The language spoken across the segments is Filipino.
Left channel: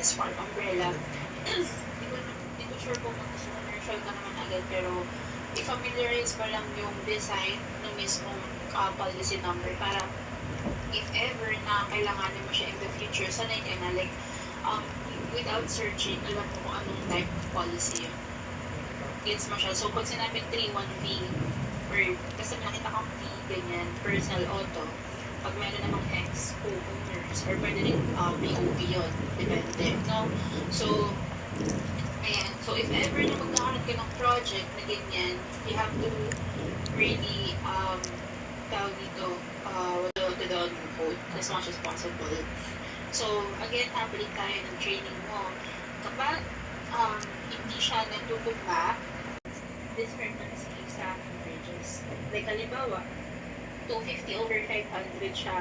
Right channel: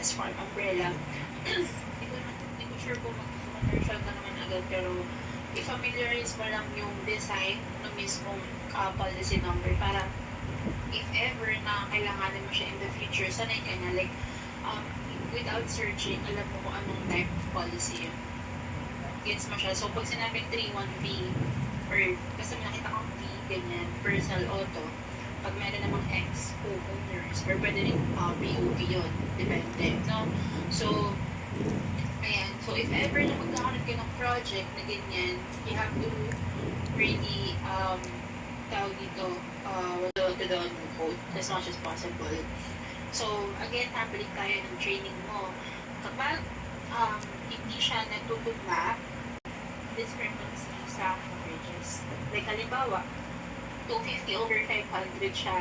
as farm umbrella. Hindi ko sure kung commercial ka naman agad, pero i-familiarize mo lang yung design ng mismong policy number para if ever na kailanganin mo siya in the future, sanay ka na, like, without searching, alam mo kung anong type of policy yun. Gets mo siya. So, pag sinabing 3-1V, or basta nakita kang V, ganyan, personal auto, pag meron namang X, co-owners, or pwede rin POV yun, depende, no? So, ayan. So, if ever na magkakaroon ka ng project na ganyan, you have to really, tawag dito, to the code as much as possible. So, again, tambalik tayo ng training mo. Kapag hindi siya natutugma, discrepancy sa averages. Like, halimbawa, 250/500 siya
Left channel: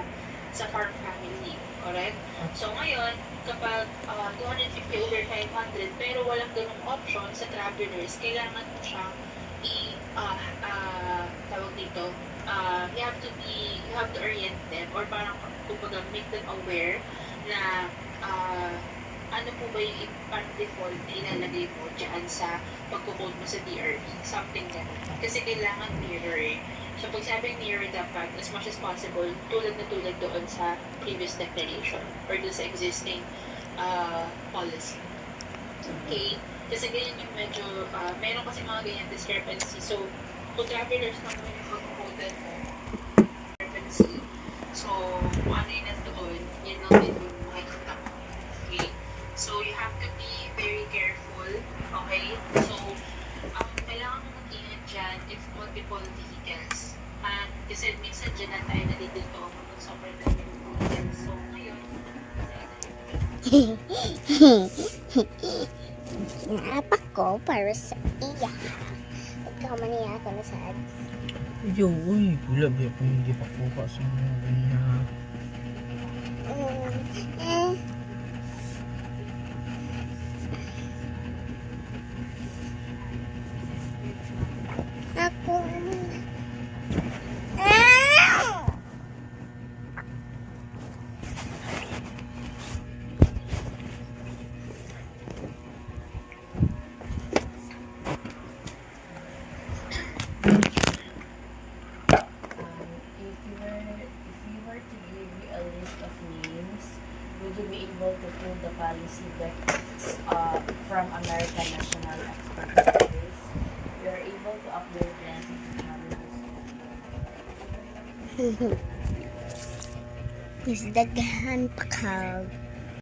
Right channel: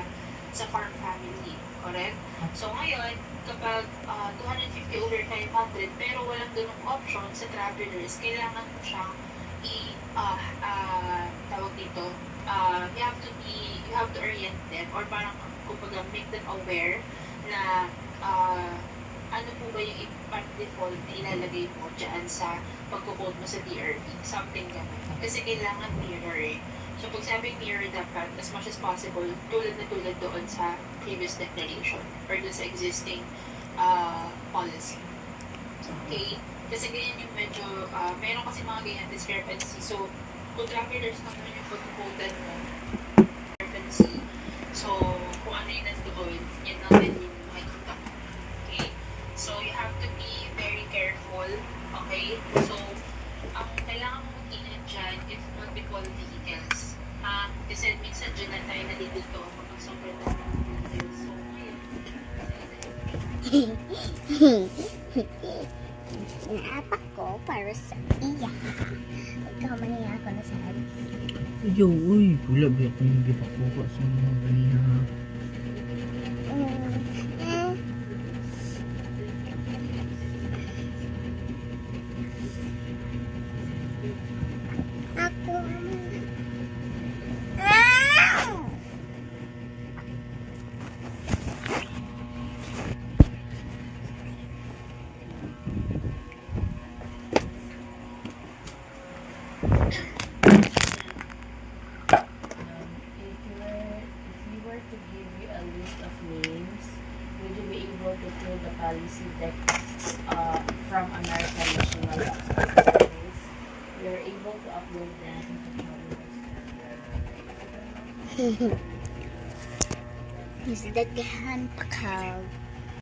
sa farm family. Correct? So, ngayon, kapag 250/500 pero walang ganung option sa travelers, kailangan mo siyang tawag dito, you have to orient them or parang kumbaga make them aware na ano po ba yung default na ilalagay mo dyan sa pagkukode mo sa DRE, something ganun. Kasi kailangan mirror. So, pag sabi mirror, dapat as much as possible, tulad doon sa previous declaration or doon sa existing policy. Okay? Kasi ganyan yung medyo, meron kasi mga ganyan discrepancy. So, kung travelers naman yung pagkukodan mo, discrepancy. So, kung ano yung nandoon, yun lang din yung makikita mo. Okay? So, you have to be very careful. Okay? So, ang kailangan mo mag-ingat dyan if multiple vehicles. Kasi minsan dyan na tayo nalilito kapag sobrang ng vehicles. So, ngayon, Naapak ko para sa iya. Ikaw maniya ako na sa alis. Yo, uy, pula ba ako hindi pa kuha sa mga ganyan. Ako If you were to give you a list of names, would you be able to pull the policy deck from American National Database? We are able to upload them to Is daghan pa ka.